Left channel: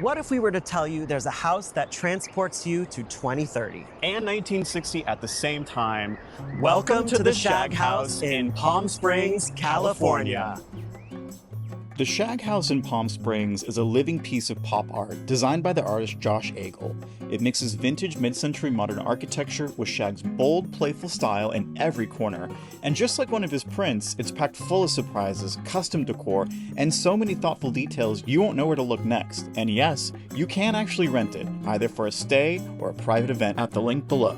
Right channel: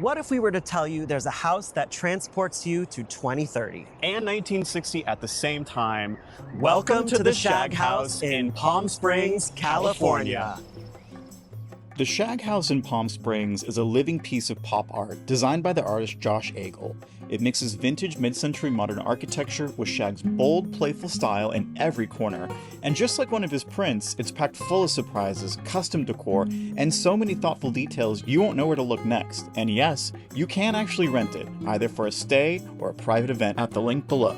What if we were to tell you there's a house that transports you to 2030? And 1960 at the same time. Welcome to the Shag House in Palm Springs, California. The Shag House in Palm Springs is a living piece of pop art designed by the artist Josh Agel. It mixes vintage mid-century modern architecture with Shag's bold, playful style in every corner. And just like one of his prints, it's packed full of surprises, custom decor, and so many thoughtful details you won't know where to look next. And yes, you can actually rent it, either for a stay or a private event at the link below.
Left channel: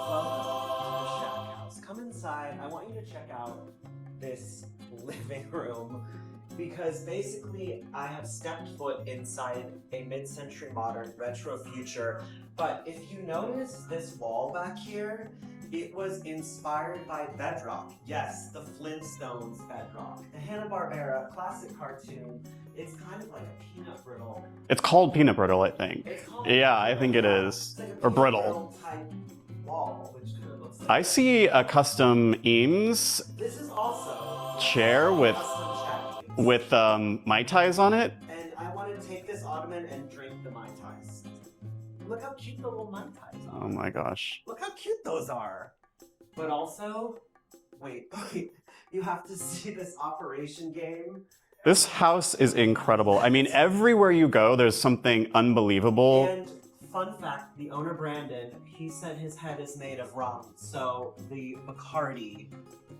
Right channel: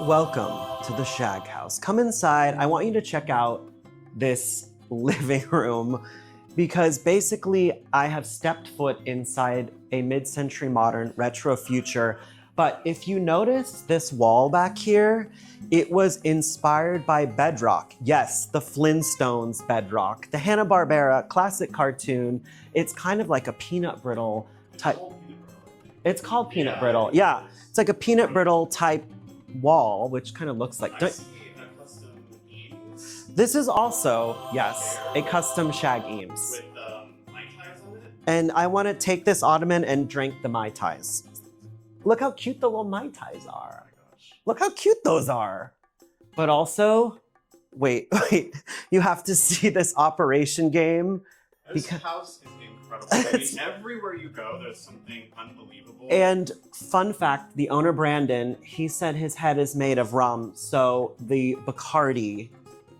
Welcome to the Shag House. Come inside. I want you to check out this living room because basically I have stepped foot inside a mid-century modern retro future. But if you notice this wall back here, it was inspired by bedrock. Yes, the Flintstones bedrock, the Hanna-Barbera classic cartoon. It's kind of like a peanut brittle. It's called peanut brittle, I think. It's called peanut brittle. I think it is. It's like a peanut brittle type wall, which kind of looks like. I see a custom Eames. This is also, yes, chair a custom Shag Eames. With Mai Tais on it. And I want to take this ottoman and drink the Mai Tais. Look how cute the little Mai Tais are. Oh my gosh. Look how cute those are. But also, wait, you have to see this operation game. This house is incredible. I mean, everywhere you go, there's something unbelievable. And fun fact, the owner, Brandon, he said his head is made of rum. So the Bacardi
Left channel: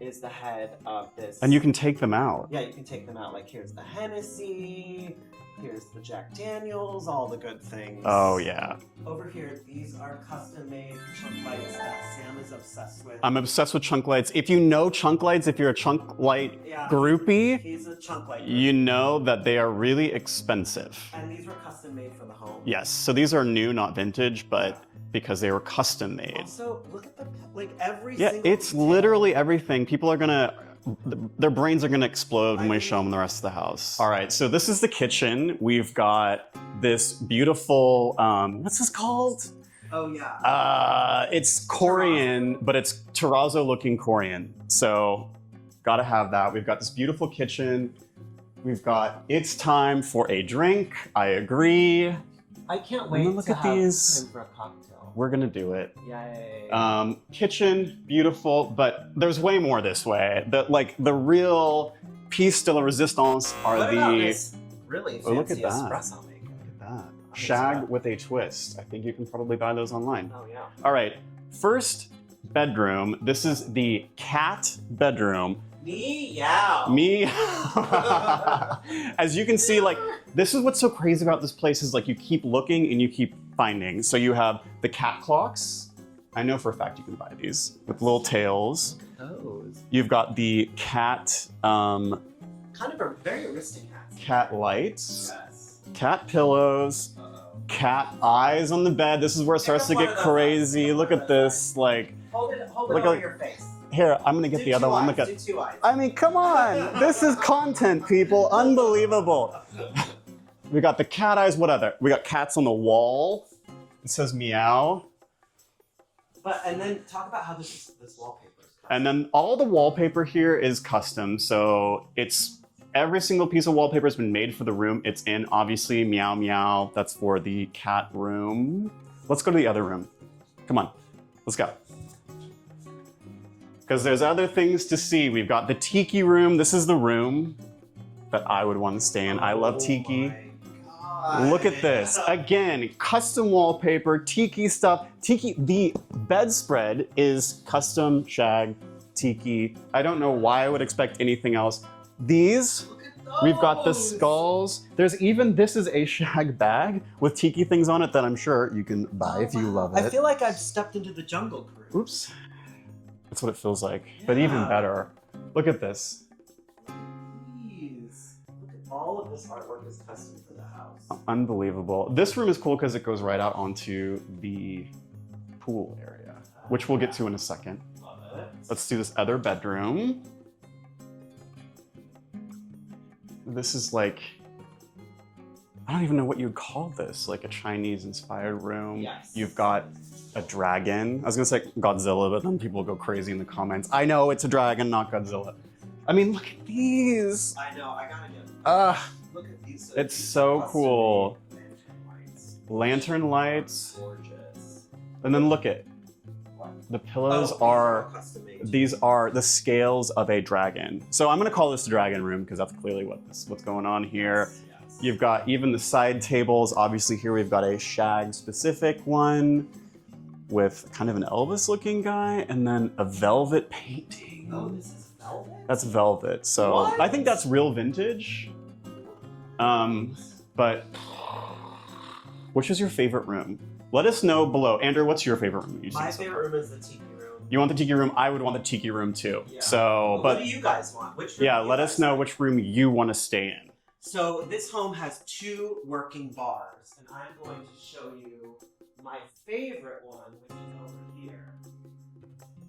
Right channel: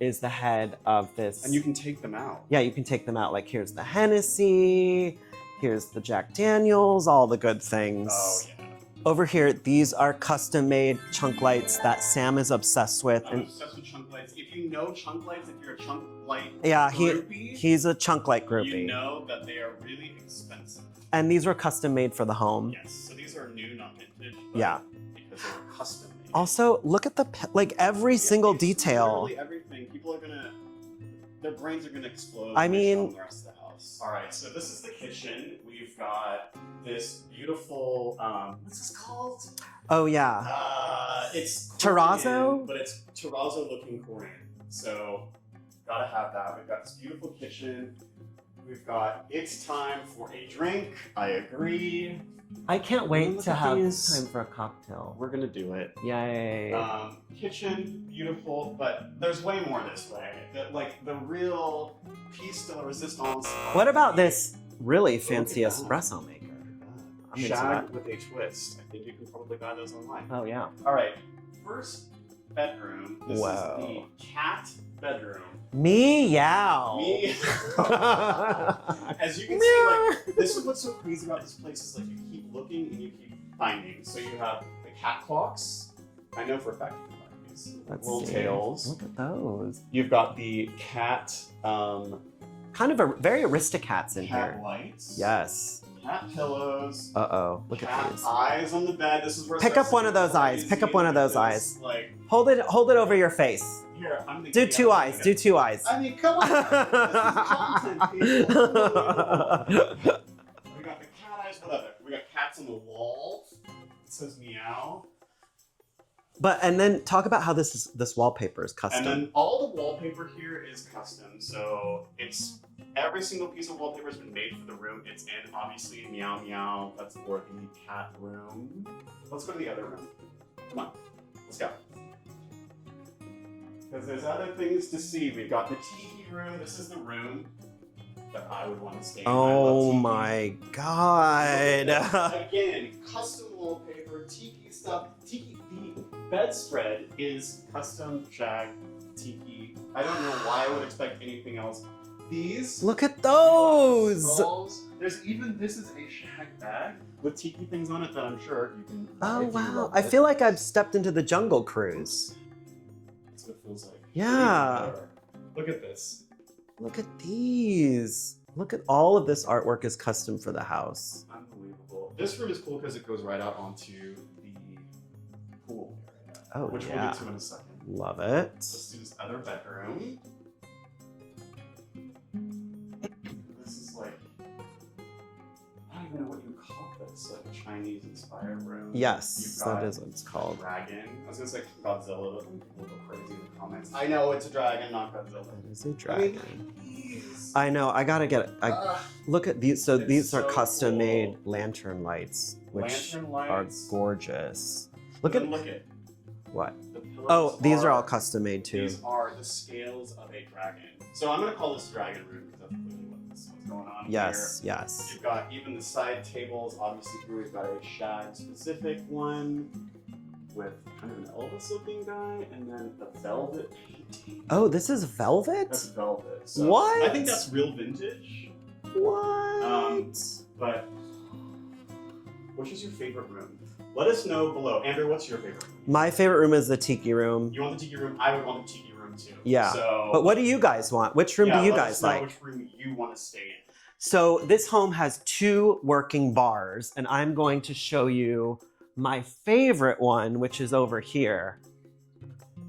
is the head of this. And you can take them out. Yeah, you can take them out. Like here's the Hennessy, here's the Jack Daniels, all the good things. Oh yeah. Over here, these are custom-made chunk lights that Sam is obsessed with. I'm obsessed with chunk lights. If you know chunk lights, if you're a chunk light groupie, he's a chunk light groupie. You know that they are really expensive. And these were custom made for the home. Yes, so these are new, not vintage, but because they were custom made. Also, look at the, like every single detail. It's literally everything. People are gonna, their brains are gonna explode when we show them the rest of the house. All right, so this is the kitchen. We've got this beautiful, what's this called? Oh yeah. It's Korean, terrazzo? But it's terrazzo looking Korean. So gotta have that. We've got this beautiful kitchen. We've got, it's time for a drink. I agree. I can't wait to have time for a cocktail. We're gonna do it. Yay. Kitchen, beautiful, but there's way more this way. The real piece de la resistance are What about this really fancy look at that. espresso maker? Shag with a twist. I think you can probably buy those online. Oh yeah. All right, first bedroom. This is the cat bedroom. Meow. As you can see, like, this is what's so crazy about this place is like you keep looking and you keep finding. So you have the cat clocks. I know for a fact you can buy these with little tails. Look at those. You've got the cat, kind of a very Aristocats in cat here. lights. Yes. Cat pillows. Uh-oh. Cat eyes on the bed. This is where it Pick starts up to one get of those eyes. crazy. Pick up Look one of at those this. eyes. Like, hold it over your face. Here, I'm gonna get the Do other one. do two eyes. I mean, come on. This is content, people. Unbelievable. We got the cat eyes. What other? We got cats on the wall. It says meow. And then talk about how this wallpaper is custom. And then all the wallpaper here is custom. So it's every single piece of wallpaper has been made for the room it's in. Obviously, meow meow. That's for the cat room. Let's go to the other room. Come on, let's go. Because there's other things to see. We've got the tiki room. This is the room that I would want to stay in. I love tiki. Oh my God. Look at this. Again, custom wallpaper, tiki stuff. Tiki, the bedspread is custom shag tiki. I don't know why I would expect anything else. These, look at those. We've got the skulls. There's even, this is a shag bag with tiki things on it that I'm sure you can buy if you love it. I feel like I've stepped into the Jungle Cruise. Oops. That's what it feels like. Yeah. But even better. Look at this. Look at these. Look at all of this artwork is custom for the house. Unbelievable. This room is cool because it goes right out onto the pool area, which we'll get to in a second. Love it. Let's do this other bedroom. This is like, I don't even know what you'd call this, like a Chinese-inspired room. Yes. You've got that is what it's a called. dragon. I was gonna say Godzilla, but then people go crazy in the comments. I know it's a dragon, not Godzilla. I mean, look at these. I know. I gotta get it. Look at these. So It's these so are custom-made cool. lantern lights. which Lantern lights. are gorgeous. And then look at What? the pillows. These are all custom made too. These are the scales of a dragon. So I'm gonna call this the dragon room because that's clearly what's going on here. Yes. You've got even the side tables. Obviously here we've got a Shag specific one with kind of an Elvis looking guy and then a velvet painting. Oh, this is velvet? That's velvet. So What? I think that's real vintage. What? But which is your favorite room? Let us know below. Andrew, what's your favorite room? My favorite room is the tiki room. You want the tiki room? I would want the tiki room too. Yeah. So, but what do you guys want? Which room do you let guys us know like? which room you want to stay in. So this home has 2 working bars, and I'm going to show you my favorite one, which is over here.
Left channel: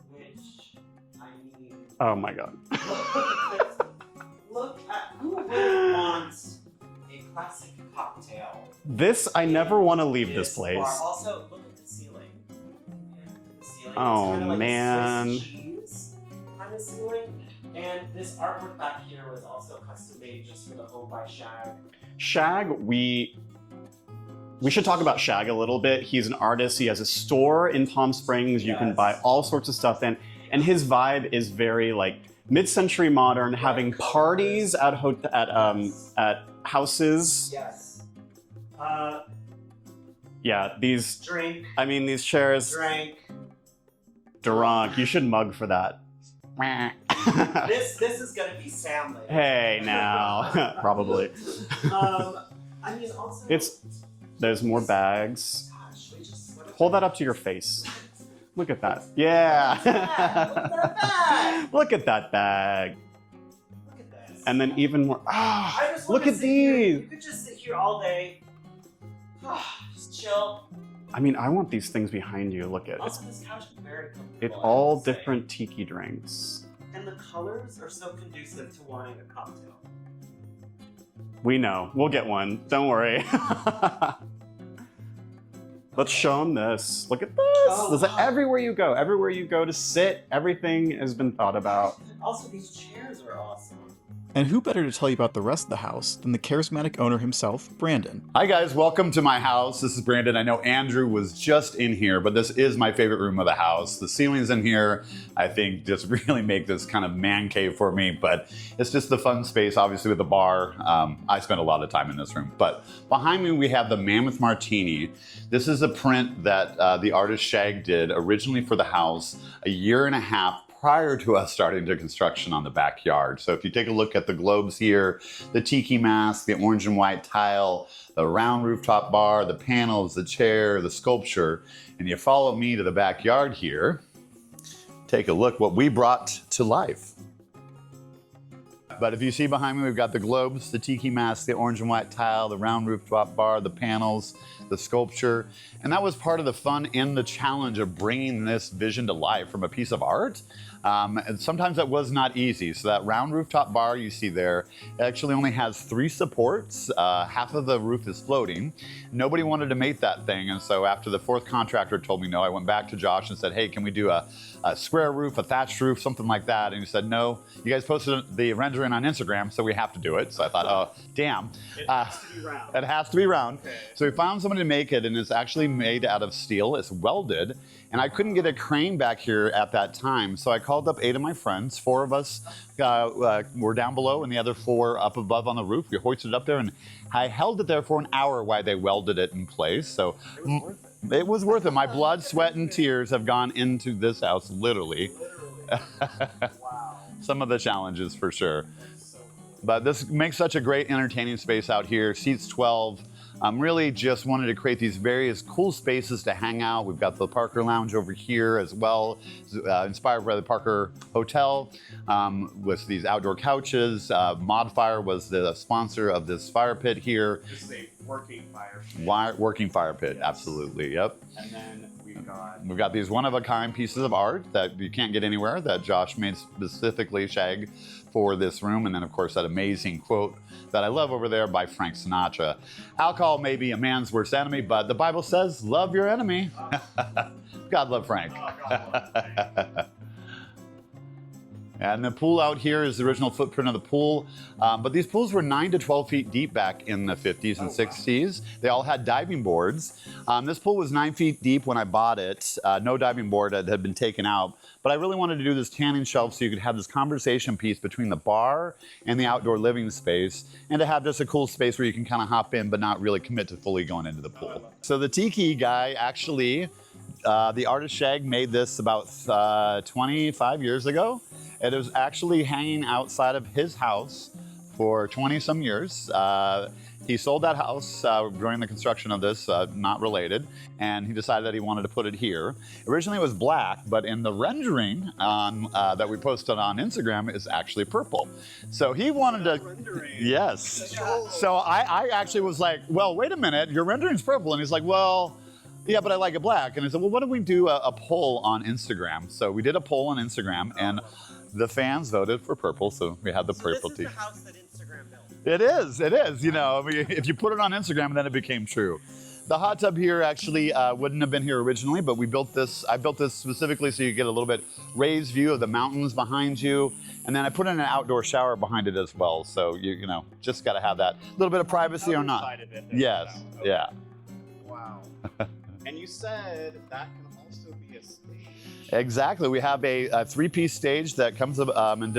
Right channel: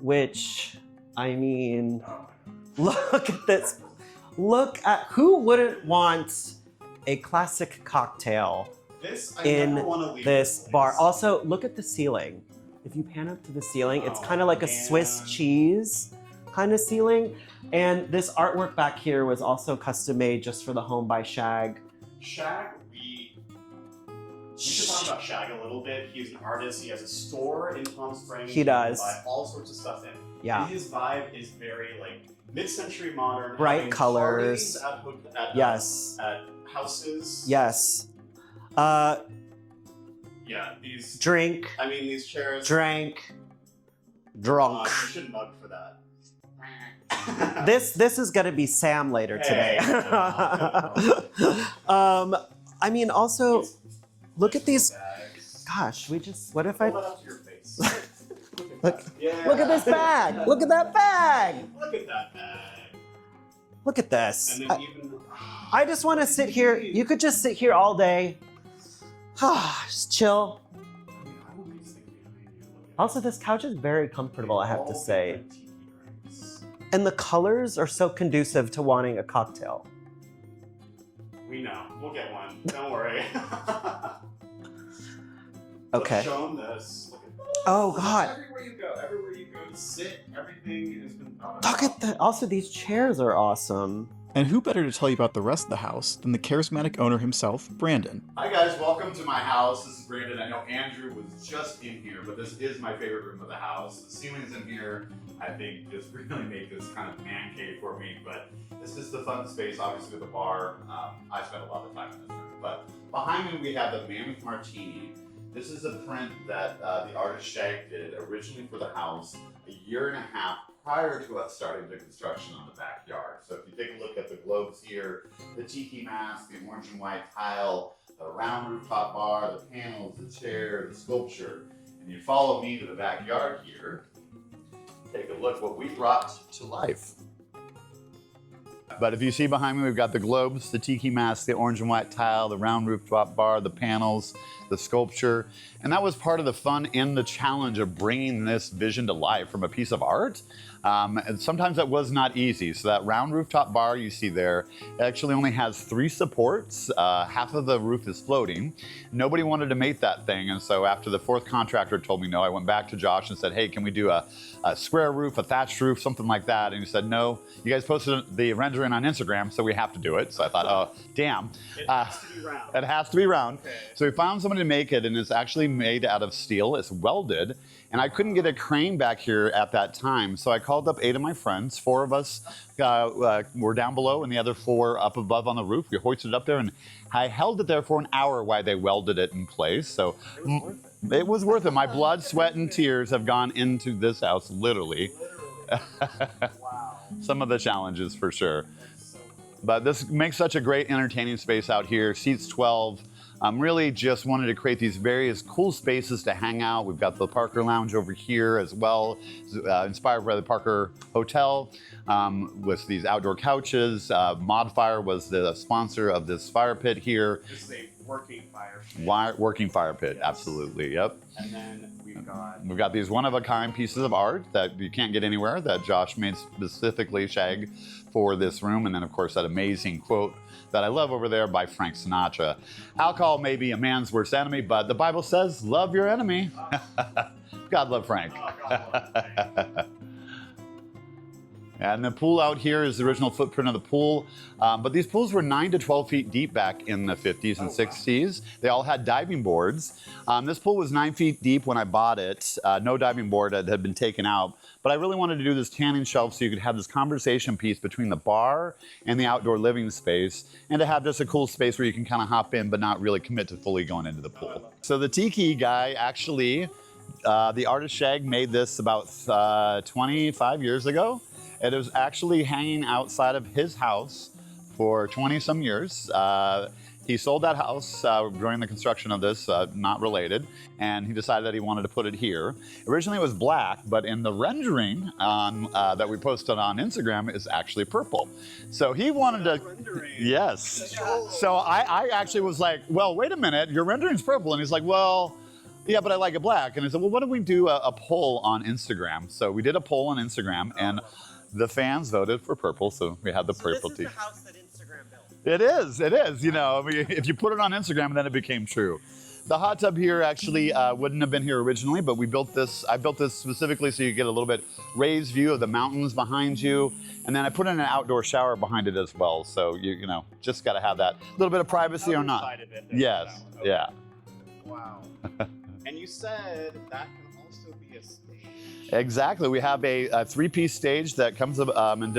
Which, I mean, Oh my God. look at this. Look at, who wouldn't want a classic cocktail This, I in never want to leave this place. bar? Also, look at the ceiling. If you pan up to the ceiling, it's Oh, kind of like man. a Swiss cheese kind of ceiling. And this artwork back here was also custom made just for the home by Shag. Shag, we should talk about Shag a little bit. He's an artist. He has a store in Palm Springs. He You can does. buy all sorts of stuff in. Yeah. And his vibe is very like mid-century modern, Bright having colors. parties at Yes. at houses. Yes. Yeah, these Drink. I mean these chairs. Drink. Drunk. You should mug for that. This is gonna be Sam later Hey, today. now. Probably. I mean, also, It's look there's at more these. bags. Gosh, what if Hold I that up to your face. Look at that. Yeah. Look at this bag. Look at that bag. Look at that bag. Look at this. And then even more. I just want Look to at sit here. these. You could just sit here all day. Just chill. I mean, I want these things behind you. Look at it. Also, this couch is very It's comfortable. I have all to say. different tiki drinks. And the colors are so conducive to wanting a cocktail. We know. We'll get one. Don't worry. Let's Okay. show them this. Look at this. Oh, This is God. everywhere you go to sit, everything has been thought about. Look at that. Also, these chairs are awesome. And who better to tell you about the rest of the house than the charismatic owner himself, Brandon? Hi guys, welcome to my house. This is Brandon. I know Andrew was just in here, but this is my favorite room of the house. The ceilings in here, I think, just really make this kind of man cave for me, but it's just the fun space, obviously with the bar. I spend a lot of time in this room. But behind me, we have the Mammoth Martini. This is a print that the artist Shag did originally for the house a year and a half prior to us starting the construction on the backyard. So if you take a look at the globes here, the tiki mask, the orange and white tile, the round rooftop bar, the panels, the chair, the sculpture, and you follow me to the backyard here, take a look what we brought to life. But if you see behind me, we've got the globes, the tiki mask, the orange and white tile, the round rooftop bar, the panels, the sculpture. And that was part of the fun and the challenge of bringing this vision to life from a piece of art. And sometimes that was not easy. So that round rooftop bar you see there actually only has 3 supports. Half of the roof is floating. Nobody wanted to make that thing. And so after the 4th contractor told me no, I went back to Josh and said, hey, can we do a square roof, a thatched roof, something like that? And he said, no, you guys posted the rendering on Instagram, so we have to do it. So I thought, oh, damn. It has to be round. It has to be round. Okay. So we found somebody to make it, and it's actually made out of steel. It's welded. And I couldn't get a crane back here at that time, so I called up 8 of my friends. 4 of us were down below, and the other 4 up above on the roof. We hoisted it up there, and I held it there for an hour while they welded it in place. So it was worth it. My blood, sweat, and tears have gone into this house, literally. Wow. Some of the challenges for sure. But this makes such a great entertaining space out here. Seats 12. Really just wanted to create these various cool spaces to hang out. We've got the Parker Lounge over here as well, inspired by the Parker Hotel, with these outdoor couches. Modfire was the sponsor of this fire pit here. This is a working fire pit. Working fire pit, Yes. Absolutely, yep. And then We've got these one-of-a-kind pieces of art that you can't get anywhere that Josh made specifically, Shag, for this room. And then, of course, that amazing quote that I love over there by Frank Sinatra. Alcohol may be a man's worst enemy, but the Bible says, love your enemy. God love Frank. Oh, God love Frank. And the pool out here is the original footprint of the pool. But these pools were 9 to 12 feet deep back in the 50s and 60s. They all had diving boards. This pool was 9 feet deep when I bought it. No diving board had been taken out. But I really wanted to do this tanning shelf so you could have this conversation piece between the bar and the outdoor living space, and to have just a cool space where you can kind of hop in but not really commit to fully going into the pool. So the tiki guy actually, the artist Shag made this about 25 years ago. It was actually hanging outside of his house for 20-some years. He sold that house during the construction of this, not related, and he decided that he wanted to put it here. Originally it was black, but in the rendering that we posted on Instagram, it's actually purple. So he wanted to, yes. So I actually was like, well, wait a minute, your rendering's purple. And he's like, well, yeah, but I like it black. And I said, well, why don't we do a poll on Instagram? So we did a poll on Instagram, and the fans voted for purple, so we had the purple tee. This is the house that Instagram built. It is. You know, I mean, if you put it on Instagram, then it became true. The hot tub here actually wouldn't have been here originally, but we built this. I built this specifically so you get a little bit raised view of the mountains behind you, and then I put in an outdoor shower behind it as well. So you know, just got to have that little bit of privacy or not. Side of it, Yes. okay. Yeah. Wow. And you said that can also be a stage. Exactly. We have a three-piece stage that comes in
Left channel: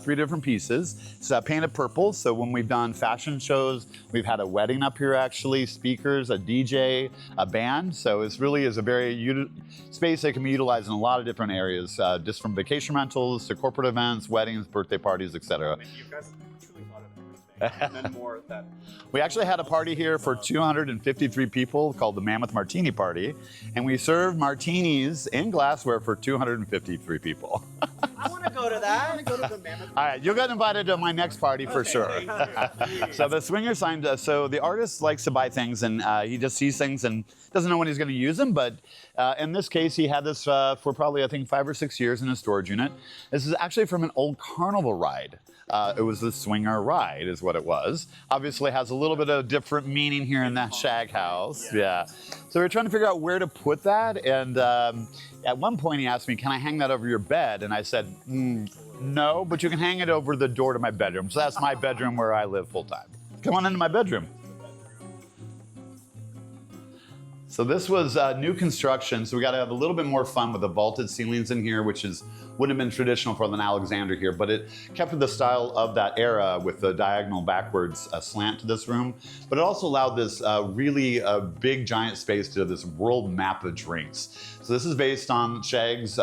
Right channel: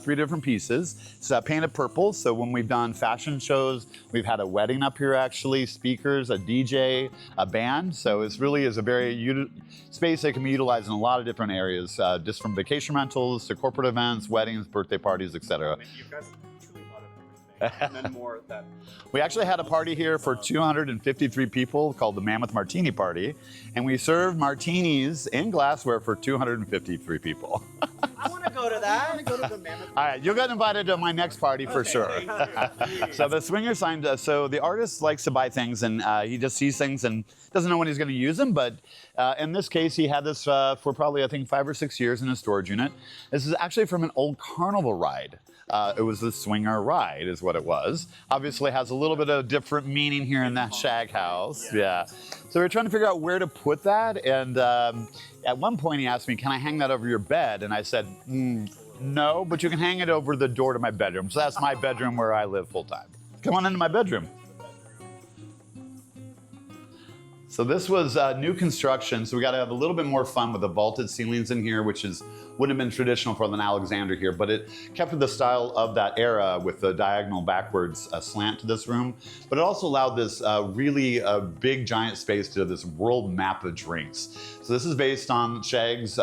three different pieces. It's painted purple. So when we've done fashion shows, we've had a wedding up here actually, speakers, a DJ, a band. So it really is a very space that can be utilized in a lot of different areas, just from vacation rentals to corporate events, weddings, birthday parties, etc. I mean, you guys have truly thought of everything. And then more that. We actually had a party here for 253 people called the Mammoth Martini Party, and we served martinis in glassware for 253 people. I want to go to that. All right, you'll get invited to my next party for sure. So the swinger sign, so the artist likes to buy things, and he just sees things and doesn't know when he's going to use them. But in this case, he had this for probably, I think, 5 or 6 years in a storage unit. This is actually from an old carnival ride. It was the swinger ride is what it was. Obviously has a little bit of different meaning here in that Shag House. Yeah. So we're trying to figure out where to put that. And at one point he asked me, can I hang that over your bed? And I said, no, but you can hang it over the door to my bedroom. So that's my bedroom where I live full time. Come on into my bedroom. So this was new construction, so we got to have a little bit more fun with the vaulted ceilings in here, which wouldn't have been traditional for an Alexander here, but it kept with the style of that era with the diagonal backwards slant to this room. But it also allowed this really big giant space to this world map of drinks. So this is based on Shag's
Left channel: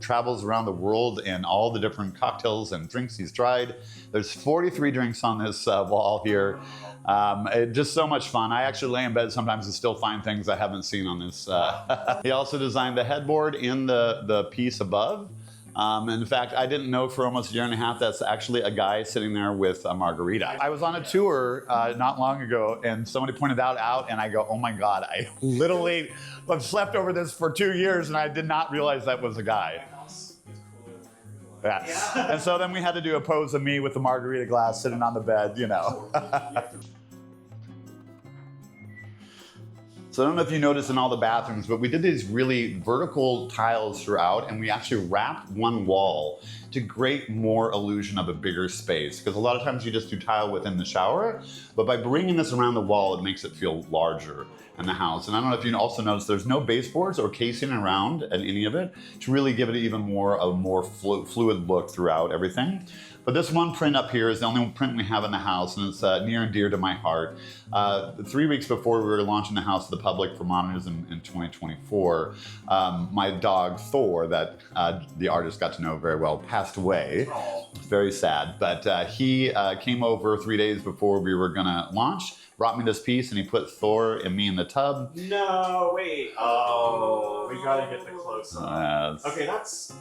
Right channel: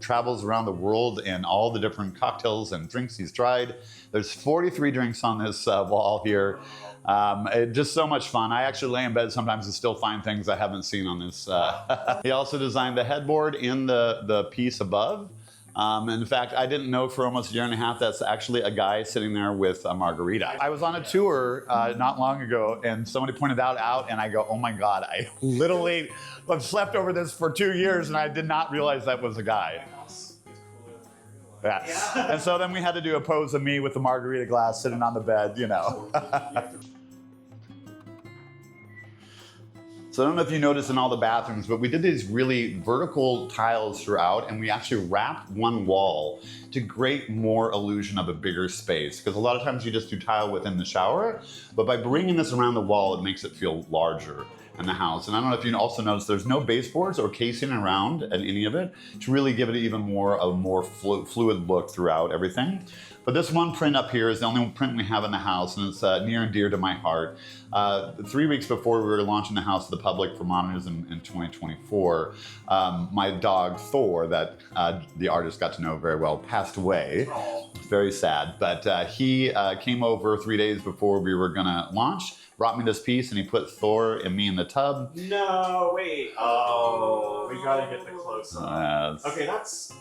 travels around the world and all the different cocktails and drinks he's tried. There's 43 drinks on this wall here. Just so much fun. I actually lay in bed sometimes and still find things I haven't seen on this. He also designed the headboard in the piece above. In fact, I didn't know for almost a year and a half that's actually a guy sitting there with a margarita. I was on a tour not long ago, and somebody pointed that out, and I go, oh my God, I literally have slept over this for 2 years, and I did not realize that was a guy. Yeah. And so then we had to do a pose of me with the margarita glass sitting on the bed, you know. So I don't know if you noticed in all the bathrooms, but we did these really vertical tiles throughout, and we actually wrapped one wall to create more illusion of a bigger space. Because a lot of times you just do tile within the shower, but by bringing this around the wall, it makes it feel larger in the house. And I don't know if you also noticed, there's no baseboards or casing around at any of it to really give it even more of a more fluid look throughout everything. But this one print up here is the only print we have in the house, and it's near and dear to my heart. 3 weeks before we were launching the house to the public for modernism in 2024, my dog Thor, that the artist got to know very well, passed away. It's very sad, but he came over 3 days before we were gonna launch, brought me this piece, and he put Thor and me in the tub. No, wait. Oh, we gotta get the close up. Okay, that's...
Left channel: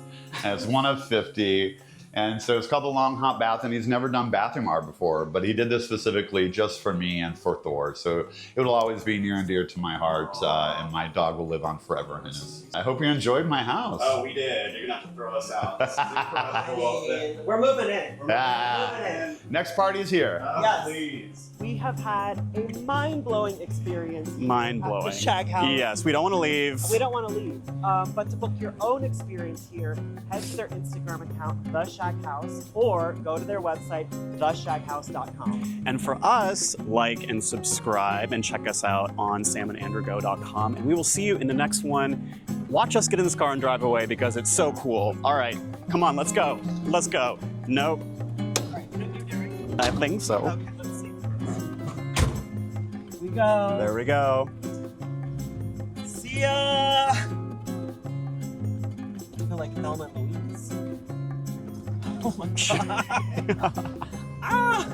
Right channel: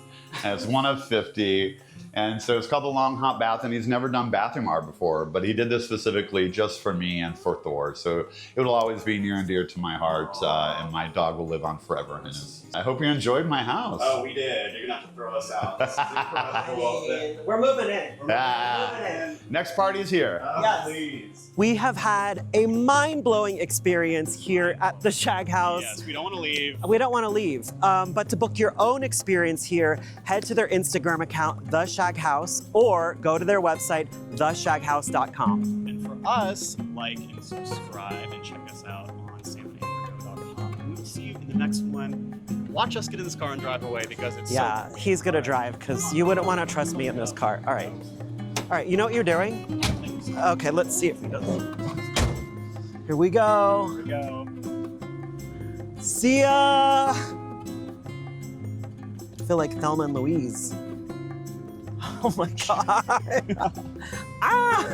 It's one of 50. And so it's called the Long Hot Bath, and he's never done bathroom art before, but he did this specifically just for me and for Thor. So it will always be near and dear to my heart, and my dog will live on forever in his. I hope you enjoyed my house. Oh, we did. You're gonna have to throw us out. This is incredible. We're moving in. Next party is here. Yes. Please. We have had a mind-blowing experience here at the Shag House. Yes, we don't want to leave. We don't want to leave, but to book your own experience here, head to their Instagram account, The Shag House, or go to their website, theshaghouse.com. And for us, like and subscribe and check us out on samandandrewgo.com. And we will see you in the next one. Watch us get in this car and drive away because it's so cool. He's gonna All right. drive Come because on, you let's wouldn't go. want to trust Let's me go. in this car. All right. Nope. All right, you know what you're doing? I think so. Okay, let's see if he does. Here we go. There we go. See ya! I feel like Thelma and Louise. Oh my god. Ah!